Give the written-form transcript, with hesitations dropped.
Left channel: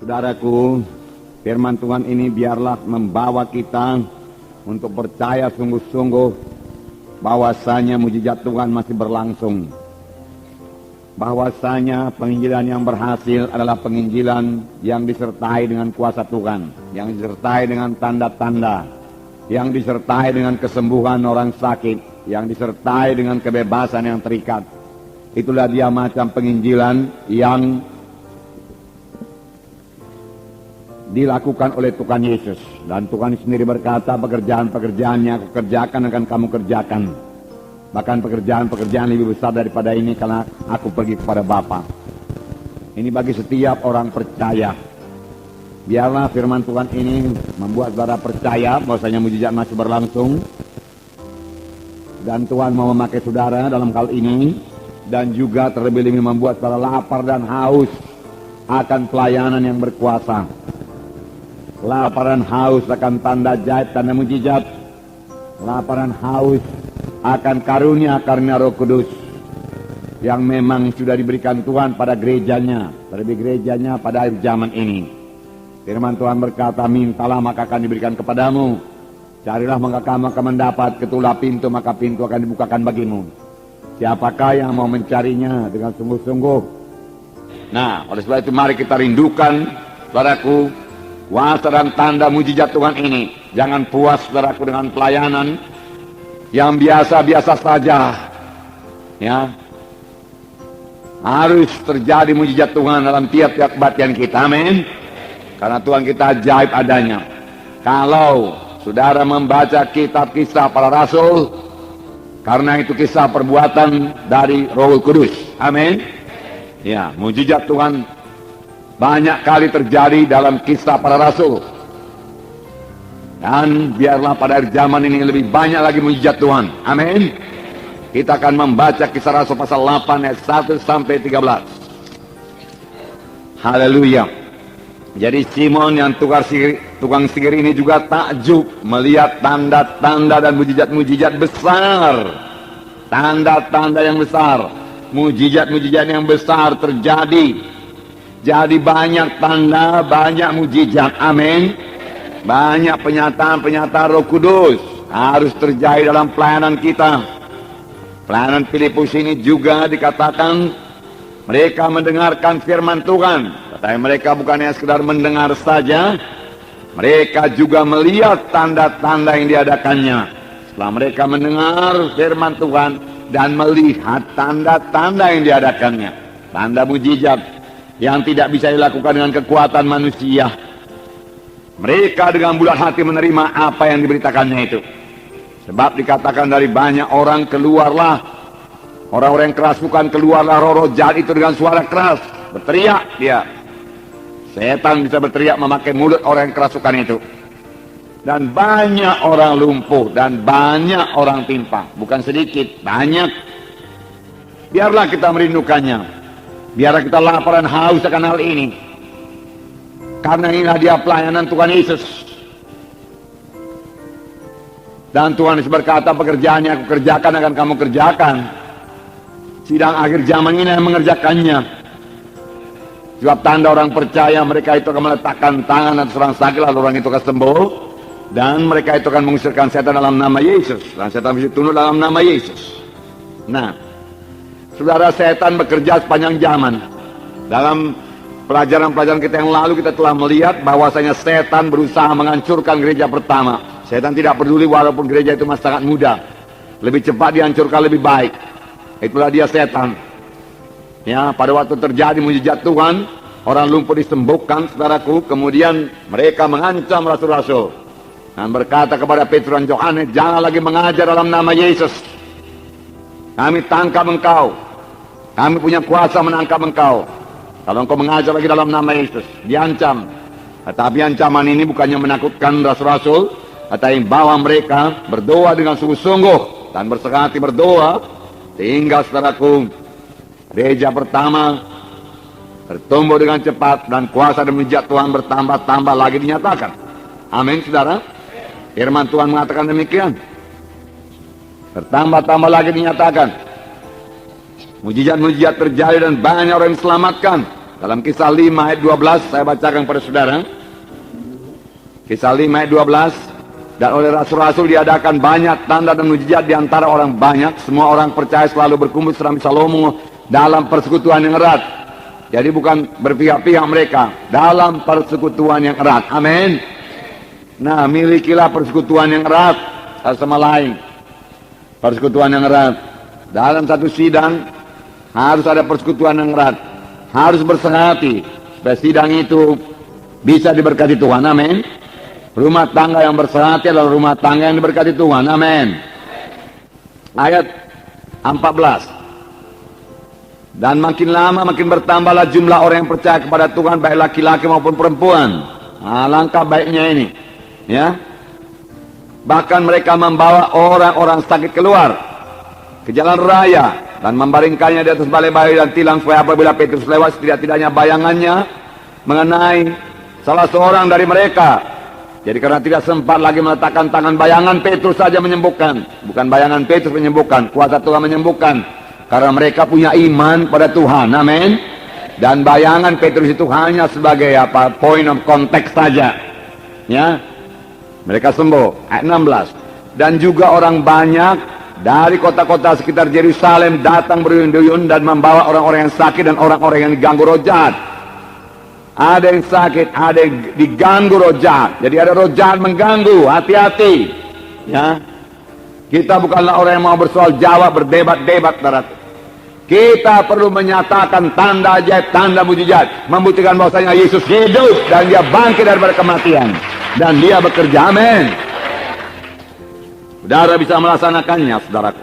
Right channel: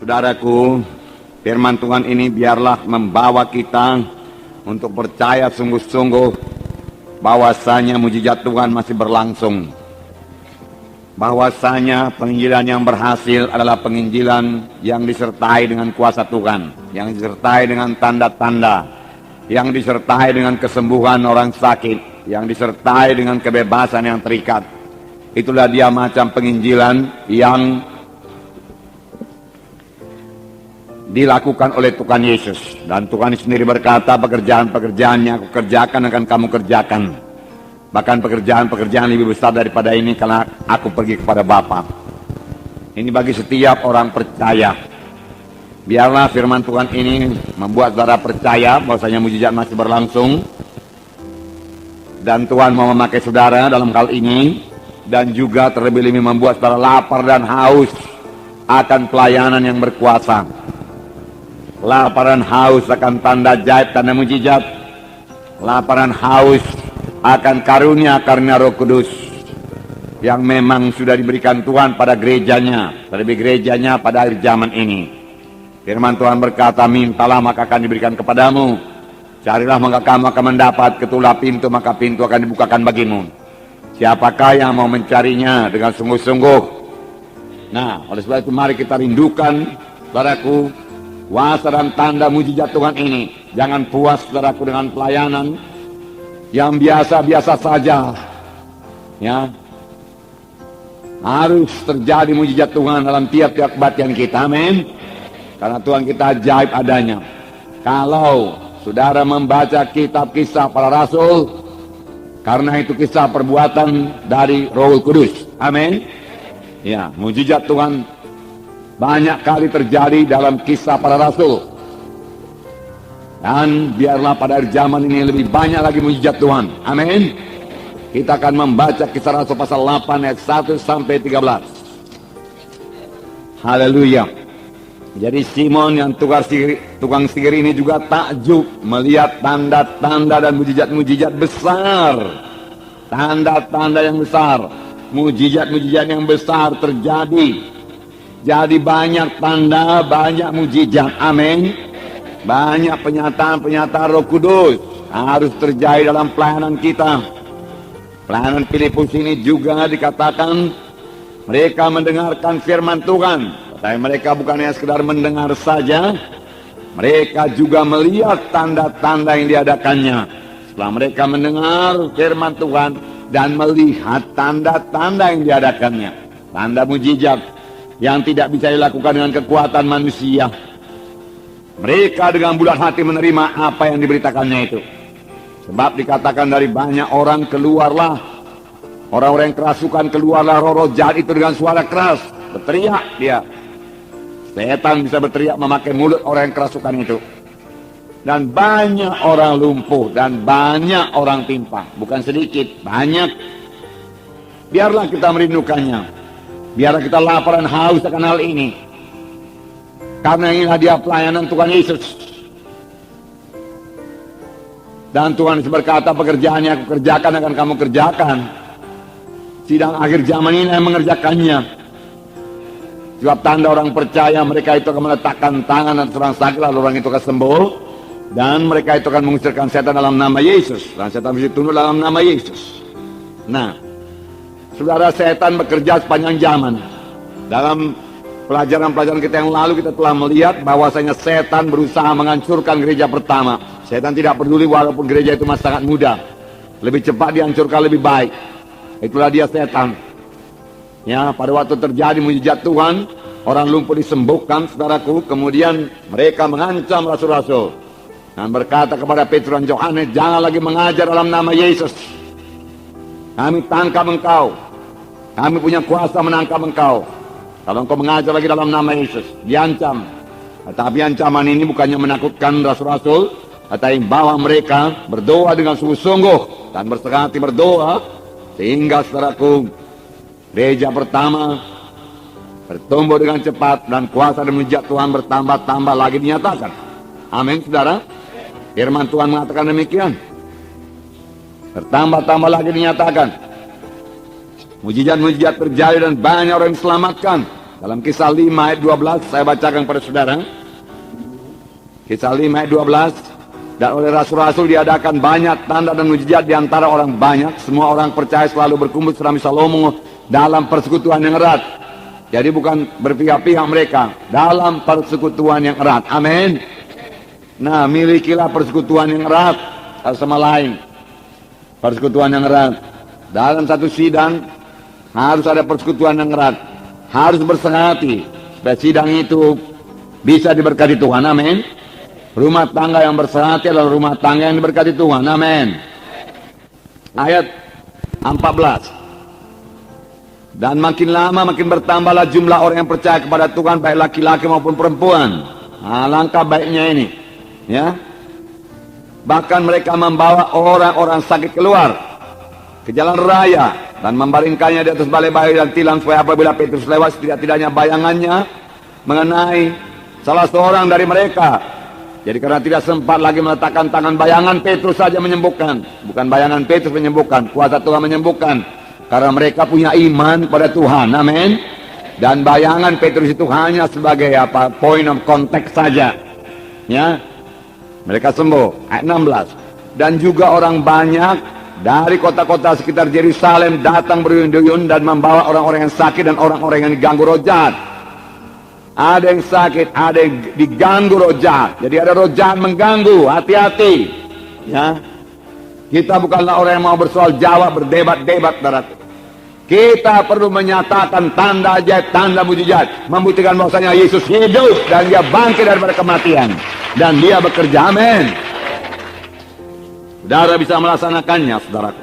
Saudaraku, firman Tuhan ini biarlah membawa kita untuk percaya sungguh-sungguh bahwasanya mujizat Tuhan masih berlangsung. Bahwasanya penginjilan yang berhasil adalah penginjilan yang disertai dengan kuasa Tuhan, yang disertai dengan tanda-tanda, yang disertai dengan kesembuhan orang sakit, yang disertai dengan kebebasan yang terikat. Itulah dia macam penginjilan yang dilakukan oleh Tuhan Yesus. Dan Tuhan sendiri berkata, pekerjaan-pekerjaan yang aku kerjakan akan kamu kerjakan. Bahkan pekerjaan-pekerjaan lebih besar daripada ini karena aku pergi kepada Bapa. Ini bagi setiap orang percaya. Biarlah firman Tuhan ini membuat saudara percaya bahwasanya mujizat masih berlangsung. Dan Tuhan mau memakai saudara dalam hal ini. Dan juga terlebih-lebih membuat saudara lapar dan haus akan pelayanan yang berkuasa. Lapar dan haus akan tanda ajaib, tanda mujizat. Lapar dan haus akan karunia Roh Kudus yang memang sudah diberikan Tuhan pada gerejanya, terlebih gerejanya pada akhir zaman ini. Firman Tuhan berkata, mintalah maka akan diberikan kepadamu, carilah maka kamu akan mendapat, ketuklah pintu maka pintu akan dibukakan bagimu. Siapakah yang mau mencarinya dengan sungguh-sungguh? Nah, oleh sebab itu mari kita rindukan, saudaraku, kuasa dan tanda mujizat Tuhan ini. Jangan puas, saudaraku, dengan pelayanan yang biasa-biasa saja. Ya, harus terjadi mujizat Tuhan dalam tiap-tiap kebaktian kita. Amin. Karena Tuhan kita ajaib adanya. Kalau saudara membaca kitab Kisah Para Rasul, karena itu kisah perbuatan dari Roh Kudus. Amin. Ya, mujizat Tuhan banyak kali terjadi dalam Kisah Para Rasul. Dan biarlah pada akhir zaman ini lebih banyak lagi mujizat Tuhan. Amin. Kita akan membaca Kisah Rasul pasal 8 ayat 1 sampai 13. Haleluya. Jadi Simon yang tukang sihir ini juga takjub melihat tanda-tanda dan mujizat-mujizat besar. Tanda-tanda yang besar, mujizat-mujizat yang besar terjadi. Jadi banyak tanda, banyak mujizat. Amin. Banyak penyataan-penyataan Roh Kudus harus terjadi dalam pelayanan kita. Pelayanan Filipus ini juga dikatakan mereka mendengarkan firman Tuhan. Tapi mereka bukan hanya sekedar mendengar saja, mereka juga melihat tanda-tanda yang diadakannya. Setelah mereka mendengar firman Tuhan dan melihat tanda-tanda yang diadakannya, tanda mujizat yang tidak bisa dilakukan dengan kekuatan manusia, mereka dengan bulat hati menerima apa yang diberitakannya itu. Sebab dikatakan dari banyak orang keluarlah, orang-orang yang kerasukan keluarlah roh-roh jahat itu dengan suara keras. Berteriak dia. Setan bisa berteriak memakai mulut orang yang kerasukan itu. Dan banyak orang lumpuh dan banyak orang timpang. Bukan sedikit, banyak. Biarlah kita merindukannya. Biarlah kita lapar dan haus akan hal ini. Karena inilah dia pelayanan Tuhan Yesus. Dan Tuhan Yesus berkata, pekerjaan yang aku kerjakan akan kamu kerjakan. Sidang akhir zaman ini yang mengerjakannya. Sebab tanda orang percaya, mereka itu akan meletakkan tangan atas orang sakit, lalu orang itu akan sembuh. Dan mereka itu akan mengusirkan setan dalam nama Yesus. Dan setan bisa tunduk dalam nama Yesus. Nah, saudara, setan bekerja sepanjang zaman. Dalam pelajaran-pelajaran kita yang lalu kita telah melihat bahwasanya setan berusaha menghancurkan gereja pertama. Setan tidak peduli walaupun gereja itu masih sangat muda. Lebih cepat dihancurkan lebih baik. Itulah dia setan. Ya, pada waktu terjadi mujizat Tuhan, orang lumpuh disembuhkan, saudaraku. Kemudian mereka mengancam rasul-rasul dan berkata kepada Petrus dan Yohanes, jangan lagi mengajar dalam nama Yesus. Kami tangkap engkau. Kami punya kuasa menangkap engkau. Kalau engkau mengajar lagi dalam nama Yesus, diancam. Tetapi ancaman ini bukannya menakutkan rasul-rasul, tetapi bahwa mereka berdoa dengan sungguh-sungguh dan berserah hati berdoa, sehingga saudaraku, gereja pertama bertumbuh dengan cepat dan kuasa dan mujizat Tuhan bertambah-tambah lagi dinyatakan. Amin, saudara. Firman Tuhan mengatakan demikian. Bertambah-tambah lagi dinyatakan. Mujizat-mujizat terjadi dan banyak orang diselamatkan. Dalam Kisah 5 ayat 12 saya bacakan kepada saudara. Kisah 5 ayat 12. Dan oleh rasul-rasul diadakan banyak tanda dan mujizat di antara orang banyak. Semua orang percaya selalu berkumpul serambi Salomo dalam persekutuan yang erat. Jadi bukan berpihak-pihak mereka, dalam persekutuan yang erat. Amin. Nah, milikilah persekutuan yang erat sama lain. Persekutuan yang erat. Dalam satu sidang harus ada persekutuan yang erat. Harus bersehati supaya sidang itu bisa diberkati Tuhan. Amin. Rumah tangga yang bersehati adalah rumah tangga yang diberkati Tuhan. Amin. Ayat 14. Dan makin lama makin bertambahlah jumlah orang yang percaya kepada Tuhan, baik laki-laki maupun perempuan. Nah, langkah baiknya ini, ya. Bahkan mereka membawa orang-orang sakit keluar ke jalan raya dan membaringkannya di atas balai-balai dan tilang, supaya apabila Petrus lewat, setidak-tidaknya bayangannya mengenai salah seorang dari mereka. Jadi karena tidak sempat lagi meletakkan tangan, bayangan Petrus saja menyembuhkan. Bukan bayangan Petrus menyembuhkan, kuasa Tuhan menyembuhkan. Karena mereka punya iman pada Tuhan. Amin. Dan bayangan Petrus itu hanya sebagai point of contact saja. Ya. Mereka sembuh. Ayat 16. Dan juga orang banyak dari kota-kota sekitar Yerusalem datang berduyun-duyun dan membawa orang-orang yang sakit dan orang-orang yang diganggu roh jahat. Ada yang sakit, ada yang diganggu roh jahat. Jadi ada roh jahat mengganggu, hati-hati. Ya. Kita bukanlah orang yang mau bersoal jawab, berdebat-debat, saudara. Kita perlu menyatakan tanda ajaib, tanda mujizat, membuktikan bahwasanya Yesus hidup dan dia bangkit daripada kematian dan dia bekerja. Amin. Saudara bisa melaksanakannya, saudara.